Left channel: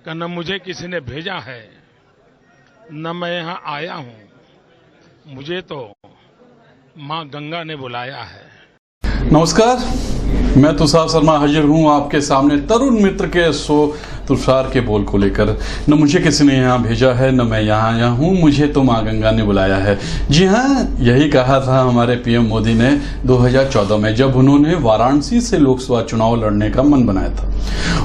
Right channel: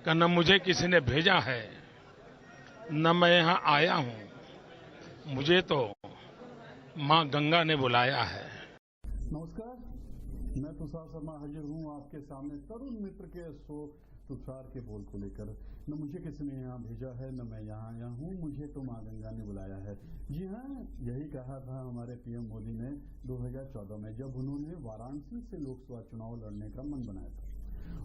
कि न मुझे किसी ने भेजा है, न मैं यहां आया हूं, मुझे तो मां गंगा ने बुलाया है। नमस्कार, मैं तुषार शर्मा हाजिर हूं आपके सामने तरुण मित्र के शो तुषार के बोल को लेकर। न मुझे किसी ने यहाँ भेजा है, न मैं यहाँ आया हूँ, मुझे तो माँ गंगा ने बुलाया है। जी हाँ, यही कहा था हमारे पीएम मोदी ने 2014 में, जब उन्होंने वाराणसी से लोकसभा चुनाव लड़ने का मन बनाया था।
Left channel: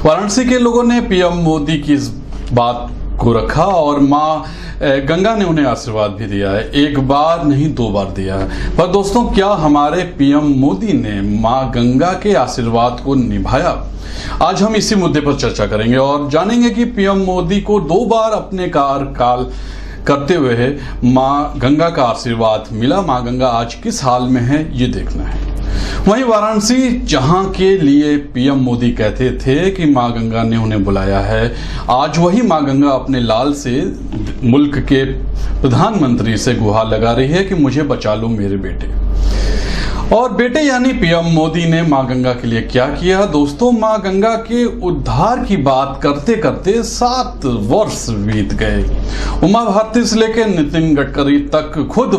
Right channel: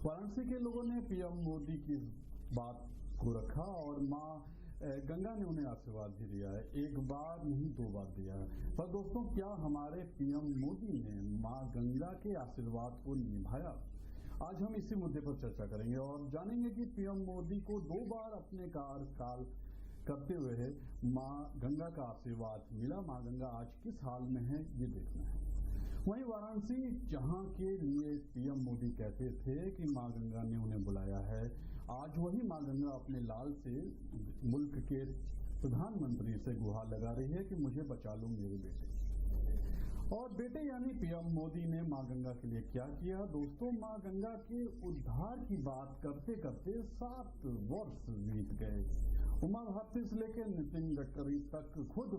वाराणसी के लोगों ने पीएम मोदी की इस बात को रखा और माँ गंगा ने उन्हें आशीर्वाद भी दिया है। एक बार नहीं, 2 बार दिया है। पर दोस्तों, क्या हमारे पीएम मोदी ने माँ गंगा के आशीर्वाद को निभाया? आज हम इसी मुद्दे पर चर्चा करेंगे और जानेंगे कि पीएम मोदी को 2 बार अपने कार्यकाल करते हुए माँ गंगा का आशीर्वाद मिला। माँ गंगा आज किस हाल में है, ये देखना है। वहीं वाराणसी, जहां के लिए पीएम मोदी कहते थे कि मां गंगा ने उन्हें बुलाया है, आज वही मां गंगा अपने लाल से मुल्क के प्रधानमंत्री से गुहार लगा रही है कि मुझे बचा लो मेरे बेटे। और बेटे यानी पीएम मोदी ने मां गंगा के लिए क्या किया? दोस्तों, मां गंगा के उद्धार की बात करते करते 7 वर्ष बीत गए। उमा भारती से लेकर नितिन गडकरी तक खुद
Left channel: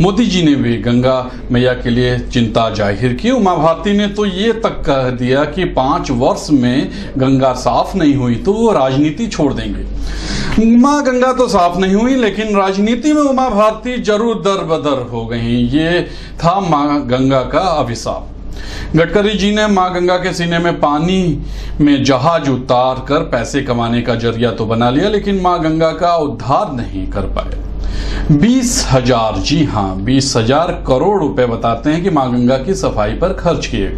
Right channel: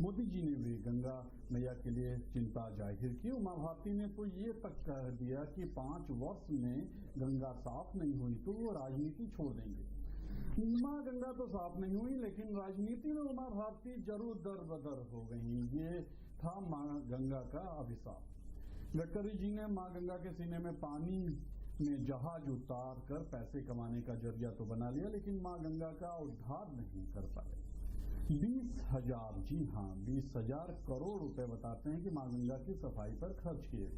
मोदी जी ने भी गंगा मैया के लिए चिंता जाहिर की। उमा भारती ने तो ये तक कह दिया कि 5 वर्ष में गंगा साफ नहीं हुई तो वो राजनीति छोड़ देंगे। मां गंगा तो साफ नहीं हुई, लेकिन राजनीति में उमा भारती जरूर दर-बदर हो गई। ये था मां गंगा का अभिशाप। गडकरी जी ने मां गंगा के सीने में पानी में जहाज उतार कर पैसे कमाने का जरिया तो बना लिया, लेकिन मां गंगा का उद्धार नहीं कर पाए। 20,000, जी हाँ, 20,000 करोड़ रुपए बताते हैं कि मां गंगा की सफाई पर खर्च किए,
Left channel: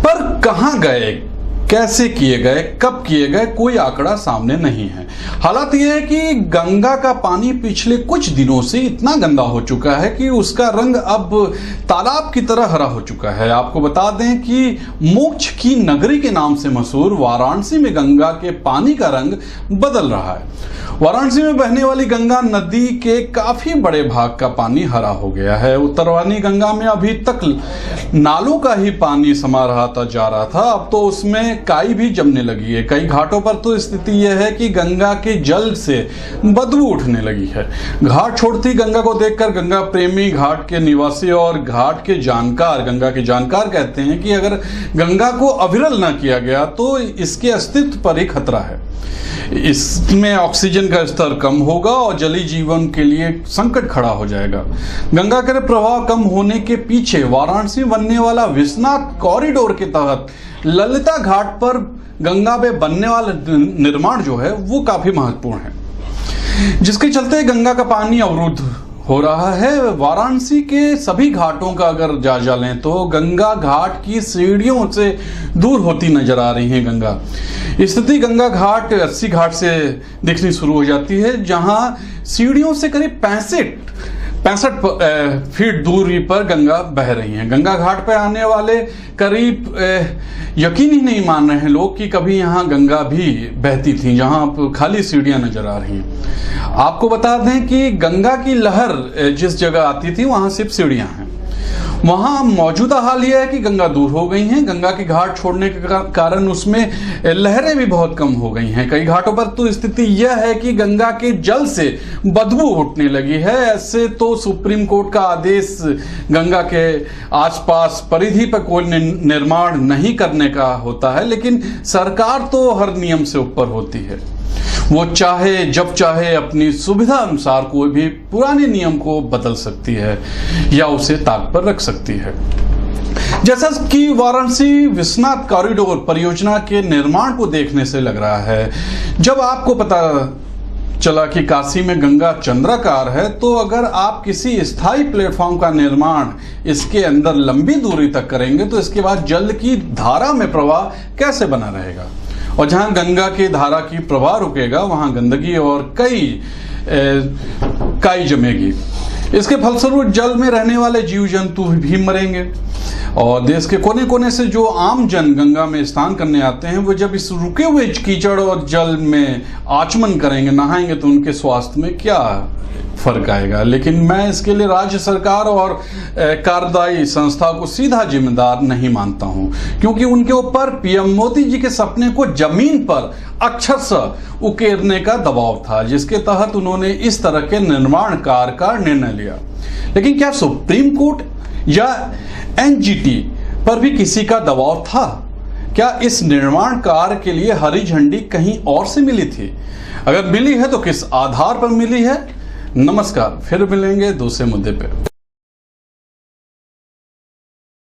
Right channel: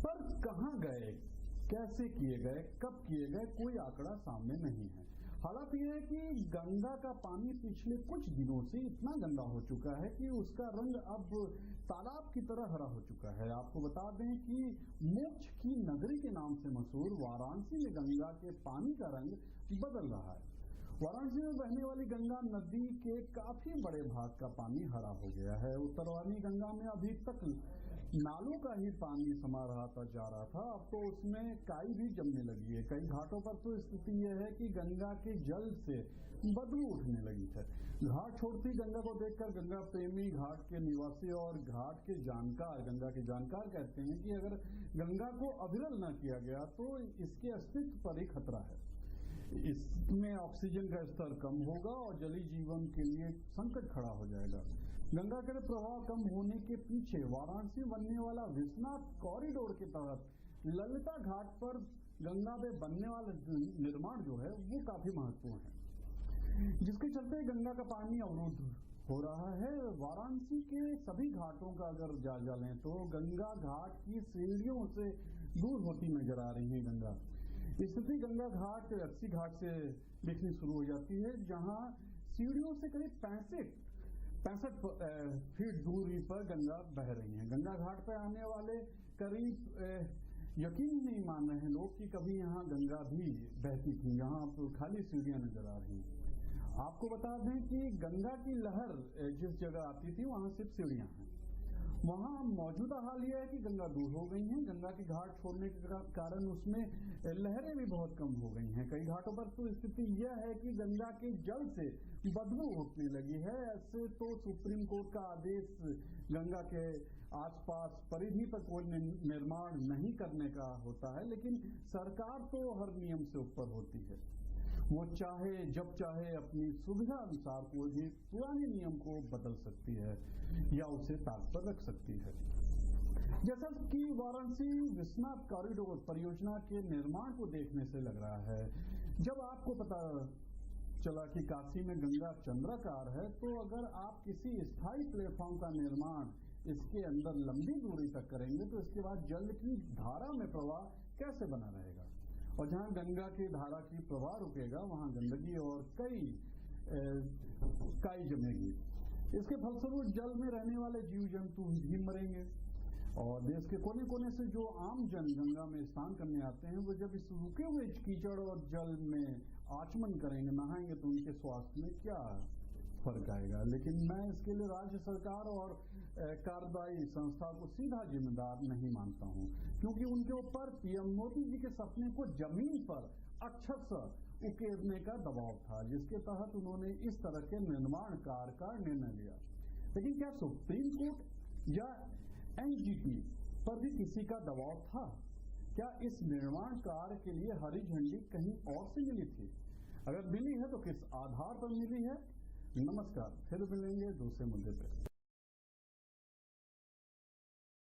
पर कहां गए, कैसे किए गए, कब किए गए, कोई आंकड़ा सामने नहीं है। हालात यह है कि गंगा का पानी पिछले कुछ दिनों से इतना गंदा हो चुका है कि उसका रंग अब तालाब की तरह हरा हो चुका है। आपको बता दें कि मोक्ष की नगरी के नाम से मशहूर वाराणसी में गंगा के पानी का रंग बदल रहा है। वाराणसी में बहने वाली गंगा नदी के काफी बड़े भाग का पानी हरा हो गया है। उत्तरवानी गंगा में अभी तक नालों का ही पानी समा जा रहा था, अब तो उसमें काई भी जमने लगी है। कई घाटों पर तो स्थिति यह है कि गंगा के जल से बदबू उठने लगी है। घाट छोड़ती गंगा को देखकर गंगा प्रेमी, घाट के निवासी और घाट के जानकार, गंगा के जानकार कहते हैं कि अगर गंगा को अविरल न किया गया तो इसके अस्तित्व पर ही खतरा है। इसमें ऑक्सीजन का स्तर कम होगा और जलीय जीवन के लिए संकट खड़ा हो जाएगा। गंगा के प्रवाह कम होने के पीछे वाराणसी बनने वाला विश्वनाथ कॉरिडोर के तहत ललिता घाट पर गंगा में बनने वाला निर्माण जो है वो काफी महत्वपूर्ण है, जिसके चलते गंगा का पानी अवरुद्ध हो रहा है। वाराणसी के सभी घाटों का अगर जायजा लें तो गंगा घाट की सीढ़ियों से दूर होती नजर आ रही है गंगा। स्थिति गंगा घाट 80 घाट से दिखनी शुरू हो जाती है, जहां सीढ़ियों से करीब 65 फीट दूरी पर गंगा बह रही है। गंगा घाट पर आने वाले करीब यकीन ही नहीं मान रहे हैं लोग कि कभी यहाँ गंगा भी बहती थी, जहां खाली सीढ़ियां नजर आ रही हैं। आपको बता दें कि गंगा की लहर जिस जगह आती थी वहां सिर्फ सीढ़ियां हैं। वहां मौजूदा हाल यह है कि गंगा दूर हो गई हैं। गंगा की घाट छोड़ने के कारण उसमें लहरें भी बहुत कम हो गई हैं। कई घाटों पर तो स्थिति यह है कि गंगा के जल से बदबू उठने लगी है। ऐसे तो सुप्रीम कोर्ट का आदेश गंगा के आसपास परिधि पर कोई निर्माण नहीं करने का होता है, लेकिन सरकार तो हर नियम से ऊपर होती है। वो चाहे जब चाहे अपनी सुविधा अनुसार कोई भी पुराने नियम को बदल सकती है या उसे ताक पर रख सकती है। जैसा कि वाराणसी विश्वनाथ कॉरिडोर परियोजना के निर्माण को देखने से लग रहा है, जब आपको पता चला कि काशी में गंगा चंद्राकार है, तो अगर आप किसी स्थायी प्लेटफॉर्म का निर्माण इसके अंदर लंबी दूरी तक करेंगे तो इसके बाद जल की धारा में प्रवाह कैसे बना रहेगा? और जहां गंगा की धारा की प्रवाह रुकेगा वहां गंदगी और काई जमेगी। इसके फलस्वरूप जल में रहने वाले जीव जंतु भी मरेंगे और देश के कोने कोने से जो आम जन गंगा में स्नान करने आते हैं, वो जब इस रुके हुए कीचड़ और जल में आचमन करेंगे, नहाएंगे, तो उनके स्वास्थ्य में क्या फर्क आएगा। लेकिन मैं इसके लिए राज्य सरकार और कार्यदायी संस्था को सीधा जिम्मेदार नहीं मानता हूं, क्योंकि उनके ऊपर पीएम मोदी जी के सपने को जमीन पर अक्षरशः उकेरने का दबाव था, जिसके तहत उन्होंने इस तरह के निर्माण कार्य का निर्णय लिया। लेकिन क्या सुप्रीम कोर्ट या एनजीटी पर भी किसी का दबाव था? क्या इस निर्माण कार्य के लिए हरी झंडी कहीं और से मिली थी? अगर मिली है तो किस आधार पर मिली है? नमस्कार, फिर मिलेंगे दूसरे मुद्दे पे।